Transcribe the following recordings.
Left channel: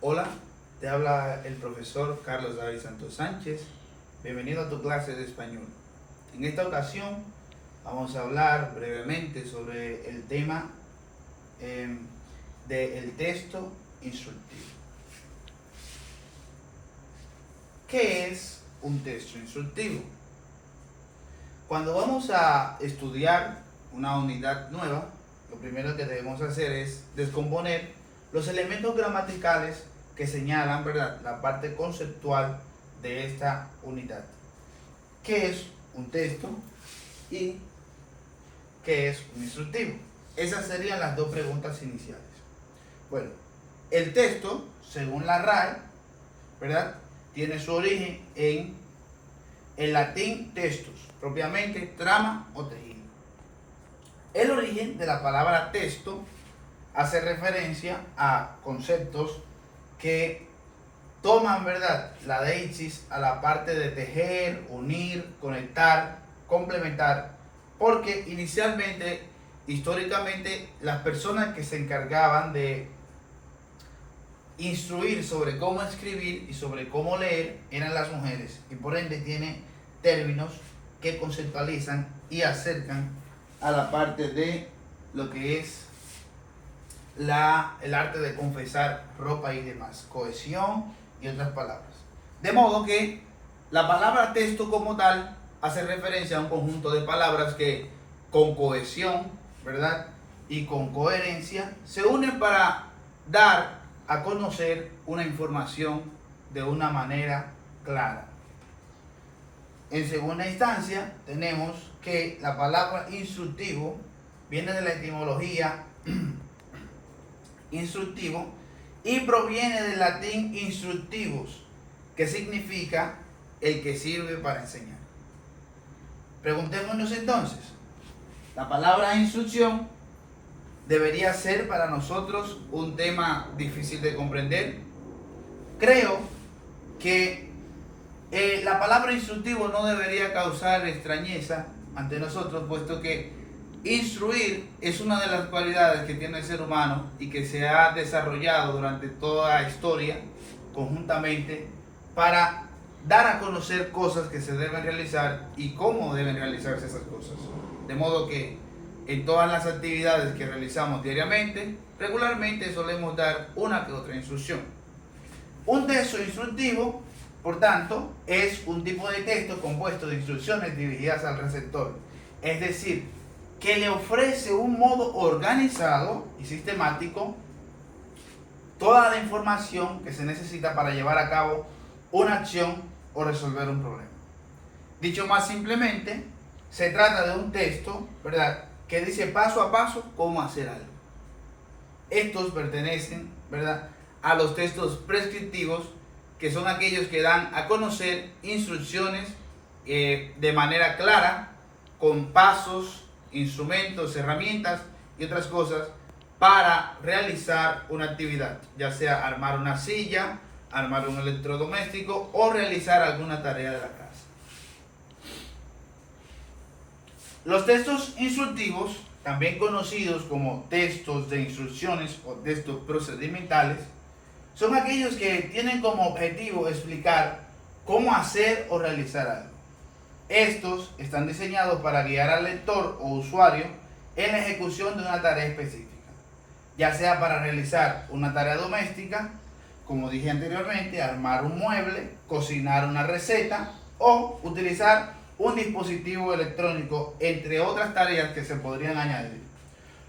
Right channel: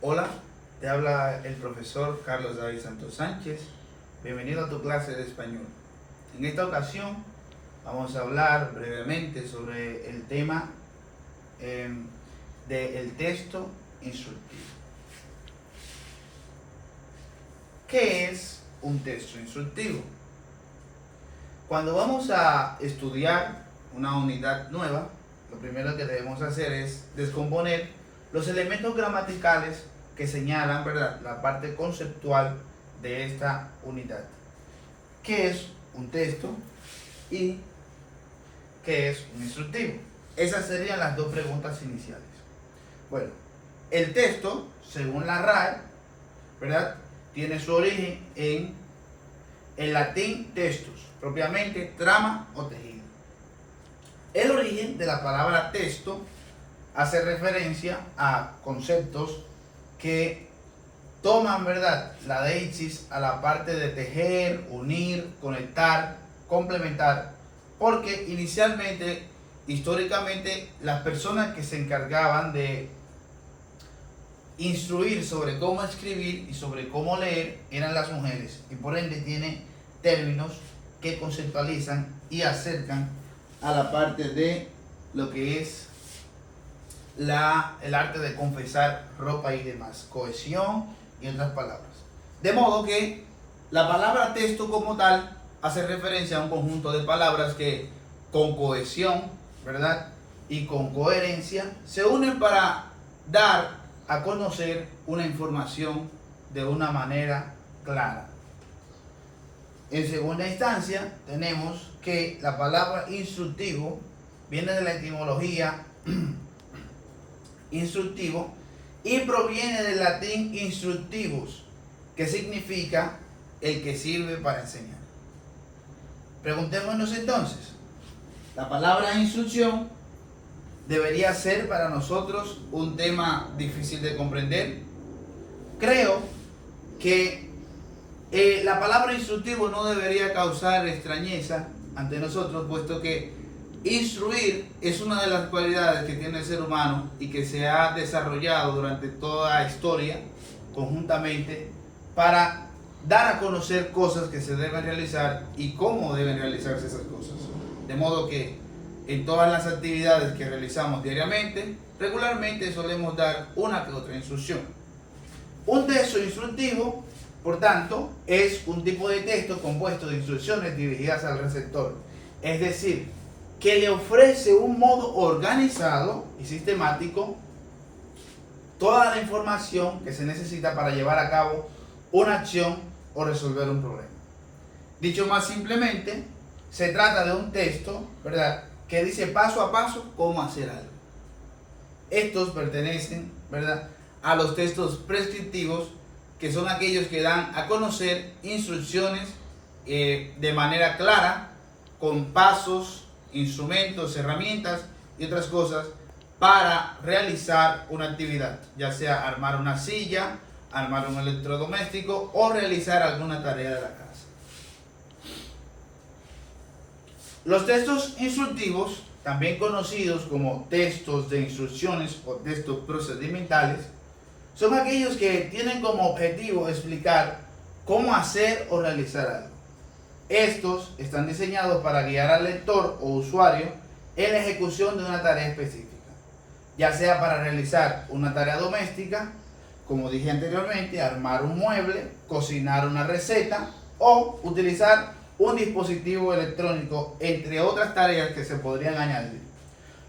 Hola, te habla el profesor Carlos David Santos Sánchez. Bienvenido a tu clase de español. En esta ocasión vamos a hablar brevemente sobre el tema del texto instructivo. ¿Qué es un texto instructivo? Cuando vamos a estudiar una unidad nueva, lo primero que debemos hacer es descomponer los elementos gramaticales que señalan, ¿verdad?, la parte conceptual de esta unidad. ¿Qué es un texto y qué es un instructivo? Esas serían las dos preguntas iniciales. Bueno, el texto, según la RAE, ¿verdad?, tiene su origen en el latín textus, propiamente trama o tejido. El origen de la palabra texto hace referencia a conceptos que toman, ¿verdad?, la deixis a la parte de tejer, unir, conectar, complementar, porque inicialmente, históricamente, las personas que se encargaban de instruir sobre cómo escribir y sobre cómo leer eran las mujeres, y por ende tiene términos que conceptualizan y acercan a la parte de lo que es el arte de confesar ropa y demás, cohesión y otras palabras. De modo que la palabra texto como tal hace referencia a un conjunto de palabras que con cohesión, ¿verdad?, y con coherencia se unen para dar a conocer una información de una manera clara. En segunda instancia, tenemos que la palabra instructivo viene de la etimología instructivo y proviene del latín instructivus, que significa el que sirve para enseñar. Preguntémonos entonces, la palabra instrucción debería ser para nosotros un tema difícil de comprender. Creo que la palabra instructivo no debería causar extrañeza ante nosotros, puesto que instruir es una de las cualidades que tiene el ser humano y que se ha desarrollado durante toda la historia conjuntamente para dar a conocer cosas que se deben realizar y cómo deben realizarse esas cosas. De modo que en todas las actividades que realizamos diariamente, regularmente solemos dar una que otra instrucción. Un texto instructivo, por tanto, es un tipo de texto compuesto de instrucciones dirigidas al receptor, es decir, que le ofrece un modo organizado y sistemático toda la información que se necesita para llevar a cabo una acción o resolver un problema. Dicho más simplemente, se trata de un texto, ¿verdad?, que dice paso a paso cómo hacer algo. Estos pertenecen, ¿verdad?, a los textos prescriptivos, que son aquellos que dan a conocer instrucciones de manera clara, con pasos, instrumentos, herramientas y otras cosas para realizar una actividad, ya sea armar una silla, armar un electrodoméstico o realizar alguna tarea de la casa. Los textos instructivos, también conocidos como textos de instrucciones o textos procedimentales, son aquellos que tienen como objetivo explicar cómo hacer o realizar algo. Estos están diseñados para guiar al lector o usuario en la ejecución de una tarea específica, ya sea para realizar una tarea doméstica, como dije anteriormente, armar un mueble, cocinar una receta o utilizar un dispositivo electrónico, entre otras tareas que se podrían añadir.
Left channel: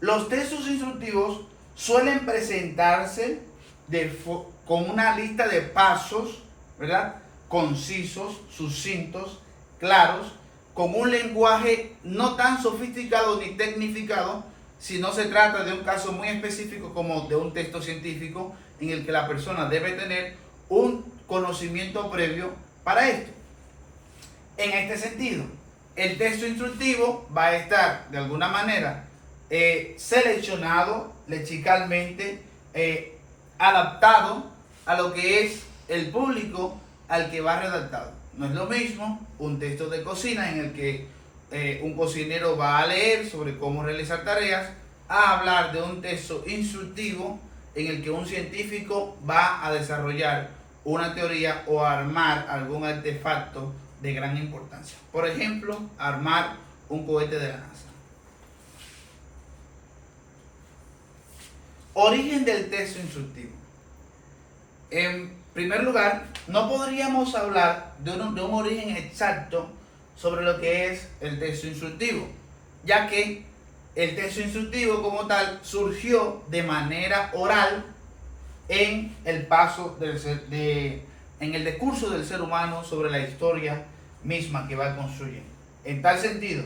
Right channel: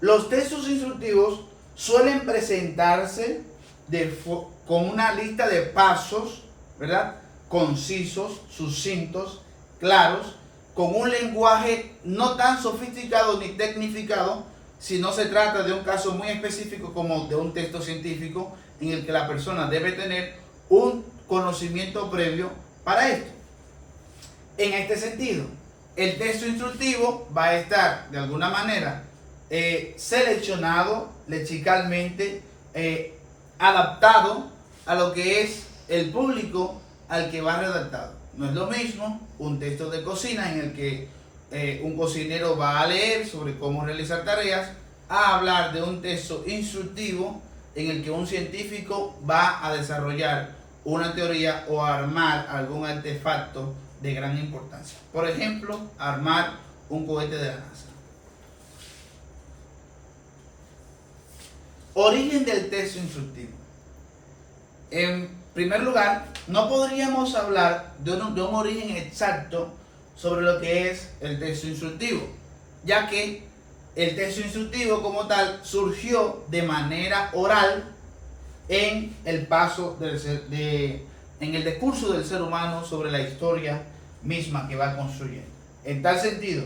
Los textos instructivos suelen presentarse con una lista de pasos, ¿verdad?, concisos, sucintos, claros, con un lenguaje no tan sofisticado ni tecnificado, si no se trata de un caso muy específico como de un texto científico en el que la persona debe tener un conocimiento previo para esto. En este sentido, el texto instructivo va a estar de alguna manera seleccionado lexicalmente, adaptado a lo que es el público al que va redactado. No es lo mismo un texto de cocina en el que un cocinero va a leer sobre cómo realizar tareas, a hablar de un texto instructivo en el que un científico va a desarrollar una teoría o armar algún artefacto de gran importancia. Por ejemplo, armar un cohete de la NASA. Origen del texto instructivo. En primer lugar, no podríamos hablar de un origen exacto sobre lo que es el texto instructivo, ya que el texto instructivo como tal surgió de manera oral en el paso en el discurso del ser humano sobre la historia misma que va construyendo. En tal sentido,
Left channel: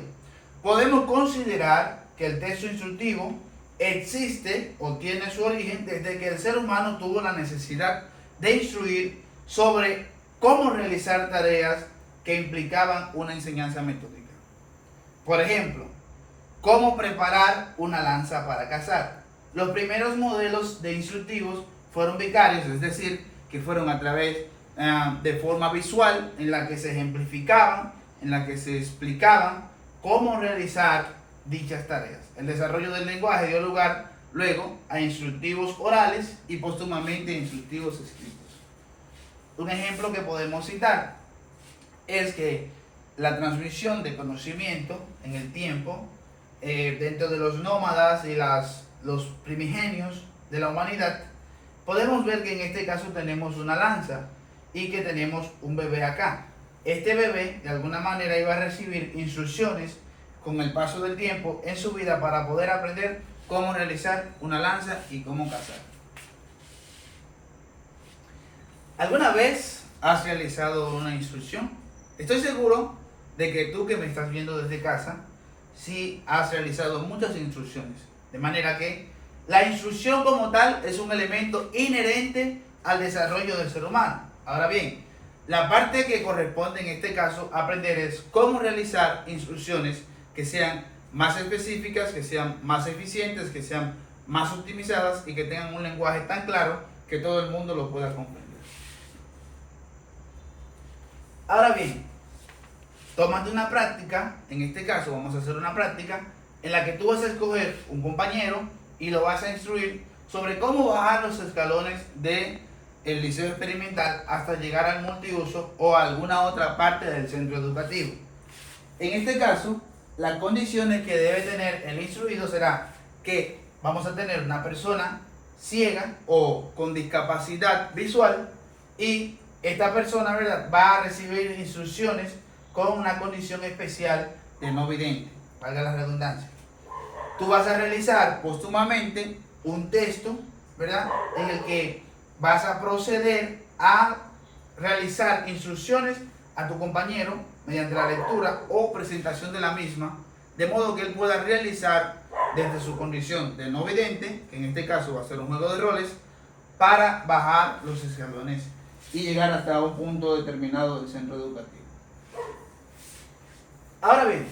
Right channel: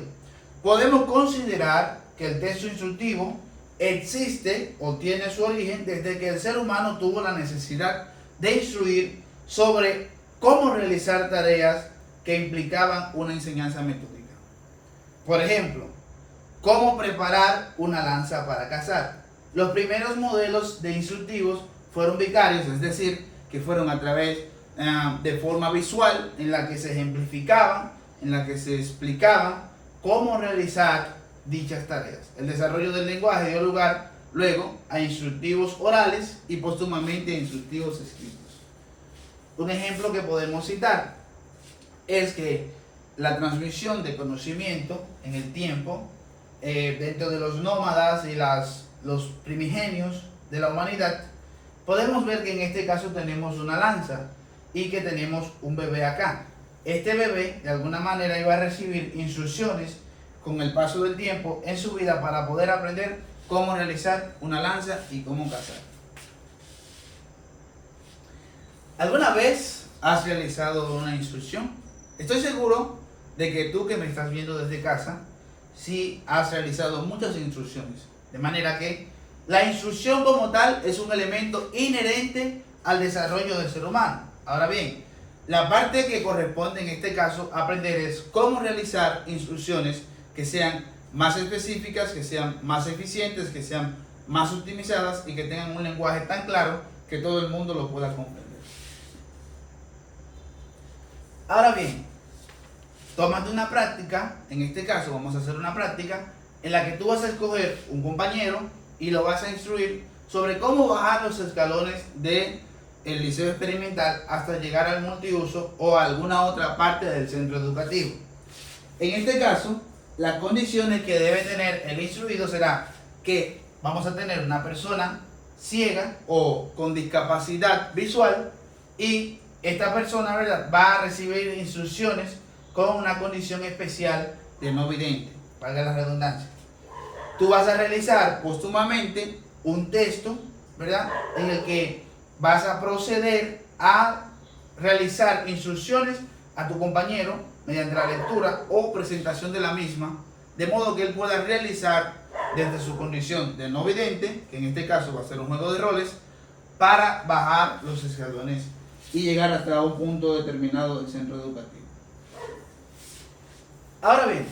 podemos considerar que el texto instructivo existe o tiene su origen desde que el ser humano tuvo la necesidad de instruir sobre cómo realizar tareas que implicaban una enseñanza metódica. Por ejemplo, cómo preparar una lanza para cazar. Los primeros modelos de instructivos fueron vicarios, es decir, que fueron a través de forma visual, en la que se ejemplificaban, en la que se explicaban cómo realizar dichas tareas. El desarrollo del lenguaje dio lugar luego a instructivos orales y póstumamente a instructivos escritos. Un ejemplo que podemos citar es que la transmisión de conocimiento en el tiempo dentro de los nómadas y los primigenios de la humanidad, podemos ver que en este caso tenemos una lanza y que tenemos un bebé acá. Este bebé de alguna manera iba a recibir instrucciones con el paso del tiempo en su vida para poder aprender cómo realizar una lanza y cómo cazar. ¿Alguna vez has realizado una instrucción? Estoy seguro de que tú que me estás viendo desde casa, sí has realizado muchas instrucciones. De manera que la instrucción como tal es un elemento inherente al desarrollo del ser humano. Ahora bien, la parte que corresponde en este caso aprender es cómo realizar instrucciones que sean más específicas, que sean más eficientes, que sean más optimizadas y que tengan un lenguaje tan claro que todo el mundo lo pueda comprender. Ahora bien, tómate una práctica, en este caso vamos a hacer una práctica en la que tú vas a escoger un compañero y lo vas a instruir sobre cómo bajar los escalones del liceo experimental hasta llegar al multiuso o a alguna otra parte del centro educativo. En este caso, las condiciones que debe tener el instruido será que vamos a tener una persona ciega o con discapacidad visual y esta persona, ¿verdad?, va a recibir instrucciones con una condición especial de no vidente, valga la redundancia. Tú vas a realizar póstumamente un texto, ¿verdad?, en el que vas a proceder a realizar instrucciones a tu compañero mediante la lectura o presentación de la misma, de modo que él pueda realizar desde su condición de no vidente, que en este caso va a ser un juego de roles, para bajar los escalones y llegar hasta un punto determinado del centro educativo. Ahora bien,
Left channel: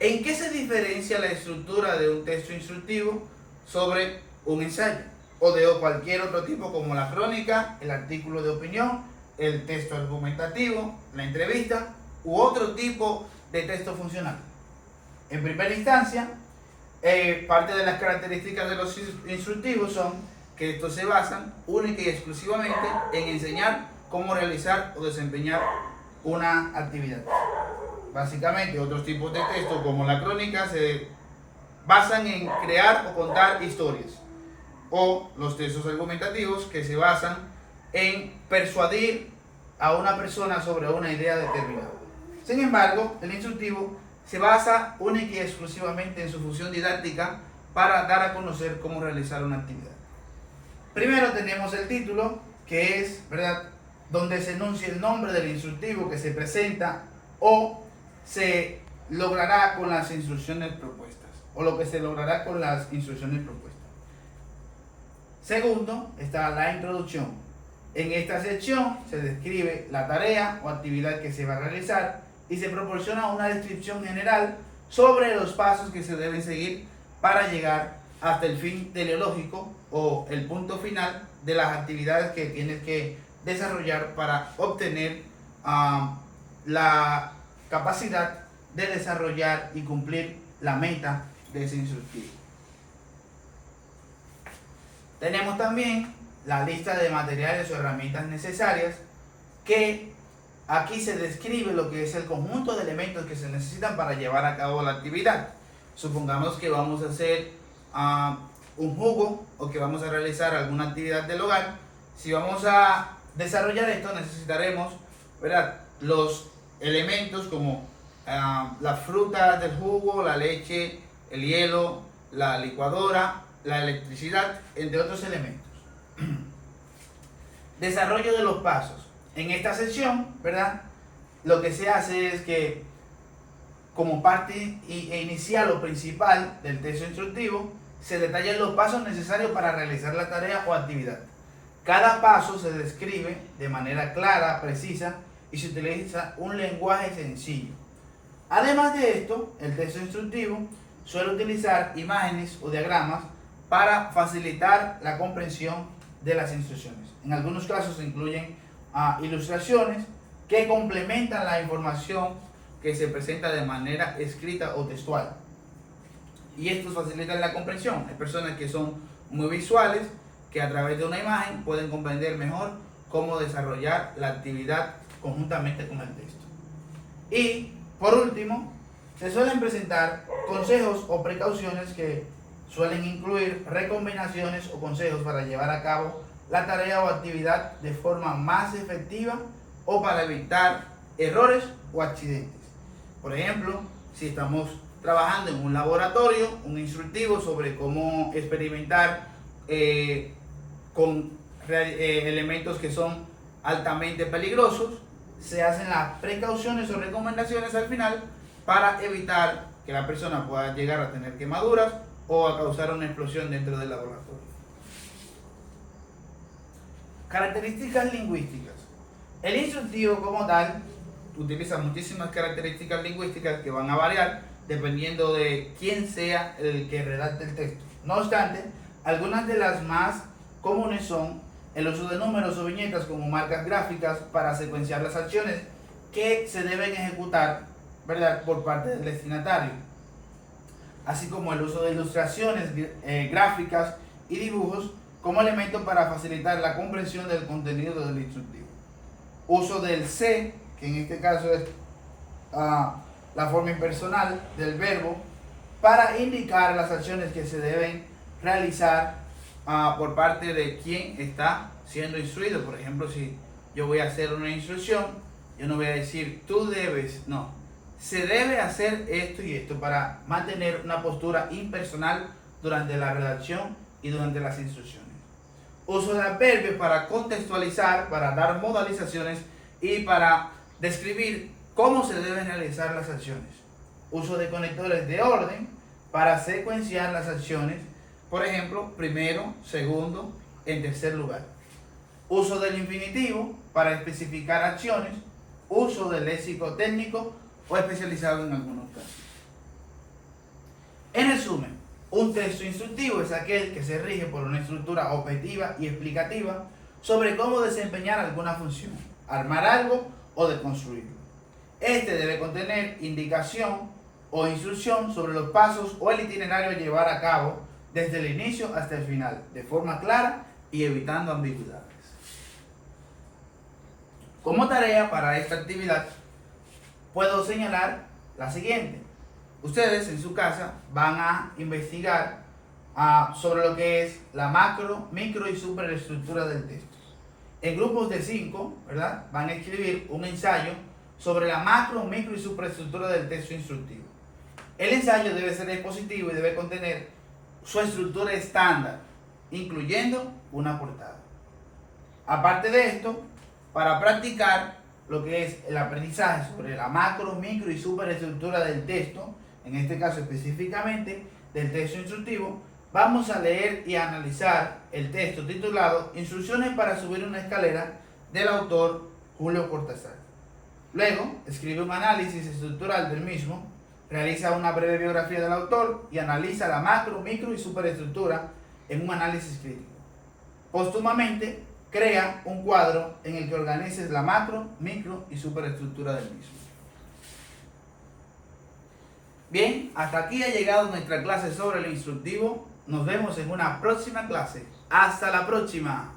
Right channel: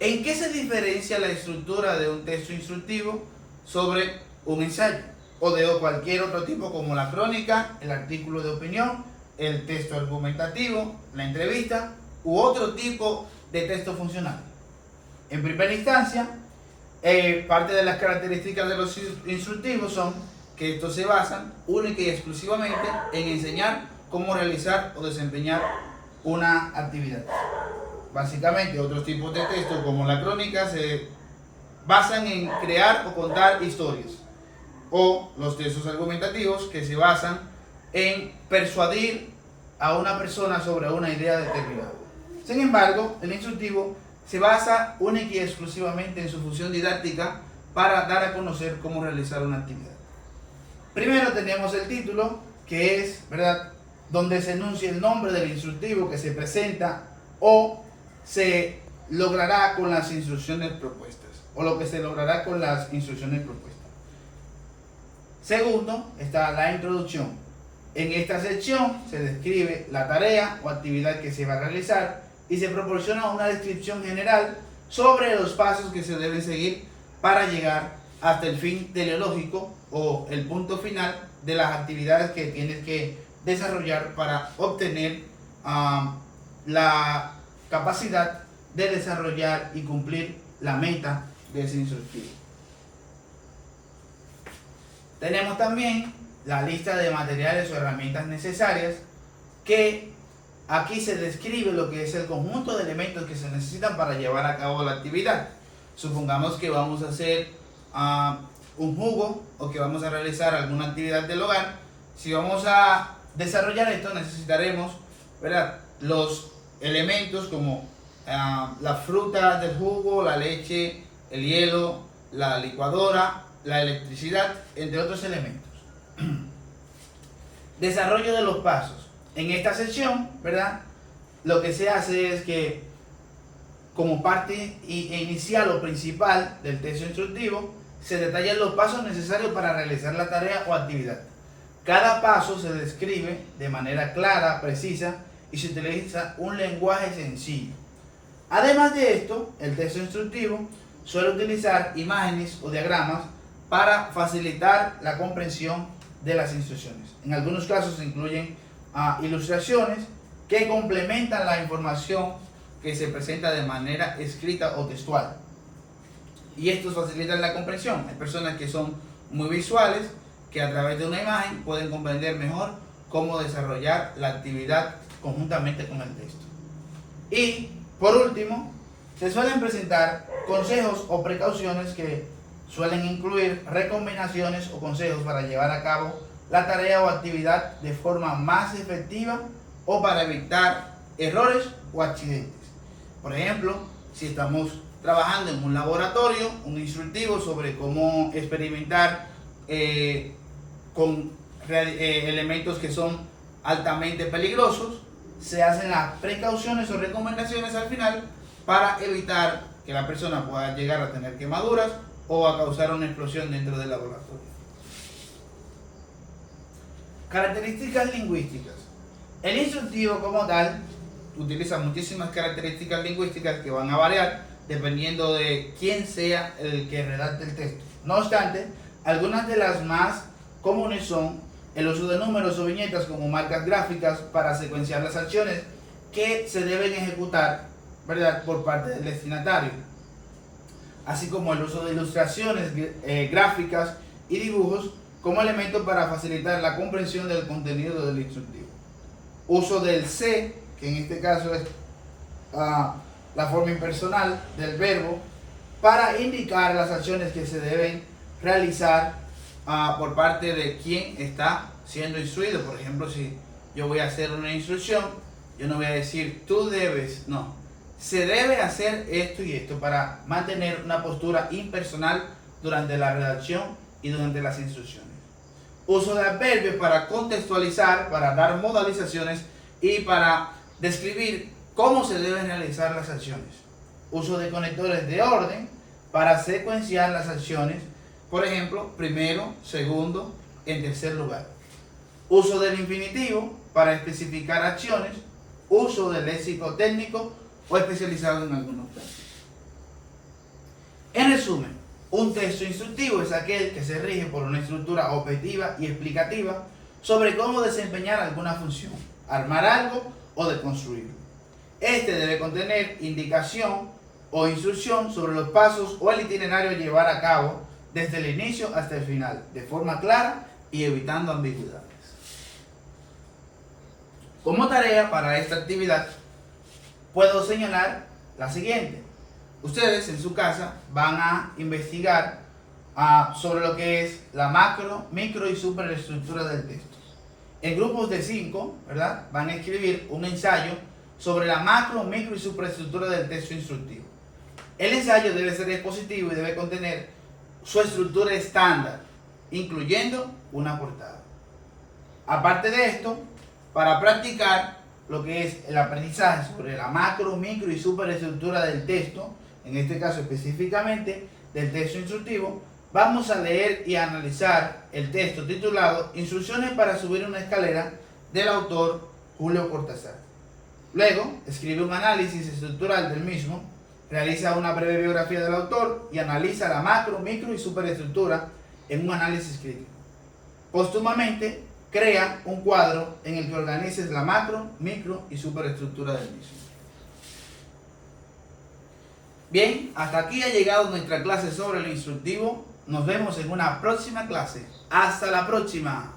¿en qué se diferencia la estructura de un texto instructivo sobre un ensayo o de cualquier otro tipo como la crónica, el artículo de opinión, el texto argumentativo, la entrevista u otro tipo de texto funcional? En primera instancia, parte de las características de los instructivos son que estos se basan única y exclusivamente en enseñar cómo realizar o desempeñar una actividad. Básicamente, otros tipos de textos como la crónica se basan en crear o contar historias, o los textos argumentativos que se basan en persuadir a una persona sobre una idea determinada. Sin embargo, el instructivo se basa única y exclusivamente en su función didáctica para dar a conocer cómo realizar una actividad. Primero tenemos el título, que es, ¿verdad?, donde se enuncia el nombre del instructivo que se presenta o se logrará con las instrucciones propuestas, o lo que se logrará con las instrucciones propuestas. Segundo, está la introducción. En esta sección se describe la tarea o actividad que se va a realizar y se proporciona una descripción general sobre los pasos que se deben seguir para llegar hasta el fin teleológico o el punto final de las actividades que tienes que desarrollar para obtener la capacidad de desarrollar y cumplir la meta de ese instructivo. Tenemos también la lista de materiales o herramientas necesarias, que aquí se describe lo que es el conjunto de elementos que se necesitan para llevar a cabo la actividad. Supongamos que vamos a hacer un jugo o que vamos a realizar alguna actividad del hogar. Si vamos a desarrollar esto, necesitaremos, ¿verdad?, los elementos como la fruta del jugo, la leche, el hielo, la licuadora, la electricidad, entre otros elementos. Desarrollo de los pasos. En esta sección, ¿verdad?, lo que se hace es que, como parte inicial o principal del texto instructivo, se detallan los pasos necesarios para realizar la tarea o actividad. Cada paso se describe de manera clara, precisa, y se utiliza un lenguaje sencillo. Además de esto, el texto instructivo suele utilizar imágenes o diagramas para facilitar la comprensión de las instrucciones. En algunos casos se incluyen ilustraciones que complementan la información que se presenta de manera escrita o textual. Y estos facilitan la comprensión. Hay personas que son muy visuales, que a través de una imagen pueden comprender mejor cómo desarrollar la actividad conjuntamente con el texto. Y por último, se suelen presentar consejos o precauciones que suelen incluir recomendaciones o consejos para llevar a cabo la tarea o actividad de forma más efectiva o para evitar errores o accidentes. Por ejemplo, si estamos trabajando en un laboratorio, un instructivo sobre cómo experimentar con elementos que son altamente peligrosos, se hacen las precauciones o recomendaciones al final para evitar que la persona pueda llegar a tener quemaduras o a causar una explosión dentro del laboratorio. Características lingüísticas. El instructivo como tal utiliza muchísimas características lingüísticas que van a variar dependiendo de quién sea el que redacte el texto. No obstante, algunas de las más comunes son el uso de números o viñetas como marcas gráficas para secuenciar las acciones que se deben ejecutar, ¿verdad?, por parte del destinatario, así como el uso de ilustraciones gráficas y dibujos como elementos para facilitar la comprensión del contenido del instructivo. Uso del se, que en este caso es la forma impersonal del verbo, para indicar las acciones que se deben realizar por parte de quien está siendo instruido. Por ejemplo, si yo voy a hacer una instrucción, yo no voy a decir tú debes, no. Se debe hacer esto y esto para mantener una postura impersonal durante la redacción y durante las instrucciones. Uso de adverbios para contextualizar, para dar modalizaciones y para describir cómo se deben realizar las acciones. Uso de conectores de orden para secuenciar las acciones. Por ejemplo, primero, segundo, en tercer lugar. Uso del infinitivo para especificar acciones. Uso del léxico técnico o especializado en algunos casos. En resumen, un texto instructivo es aquel que se rige por una estructura objetiva y explicativa sobre cómo desempeñar alguna función, armar algo o deconstruirlo. Este debe contener indicación o instrucción sobre los pasos o el itinerario a llevar a cabo desde el inicio hasta el final, de forma clara y evitando ambigüedades. Como tarea para esta actividad, puedo señalar la siguiente. Ustedes en su casa van a investigar sobre lo que es la macro, micro y superestructura del texto. En grupos de 5, ¿verdad?, van a escribir un ensayo sobre la macro, micro y superestructura del texto instructivo. El ensayo debe ser expositivo y debe contener su estructura estándar, incluyendo una portada. Aparte de esto, para practicar lo que es el aprendizaje sobre la macro, micro y superestructura del texto, en este caso específicamente del texto instructivo, vamos a leer y analizar el texto titulado Instrucciones para subir una escalera del autor Julio Cortázar. Luego, escribe un análisis estructural del mismo, realiza una breve biografía del autor y analiza la macro, micro y superestructura en un análisis crítico. Póstumamente, crea un cuadro en el que organices la macro, micro y superestructura del mismo. Bien, hasta aquí ha llegado nuestra clase sobre lo instructivo. Nos vemos en una próxima clase. Hasta la próxima.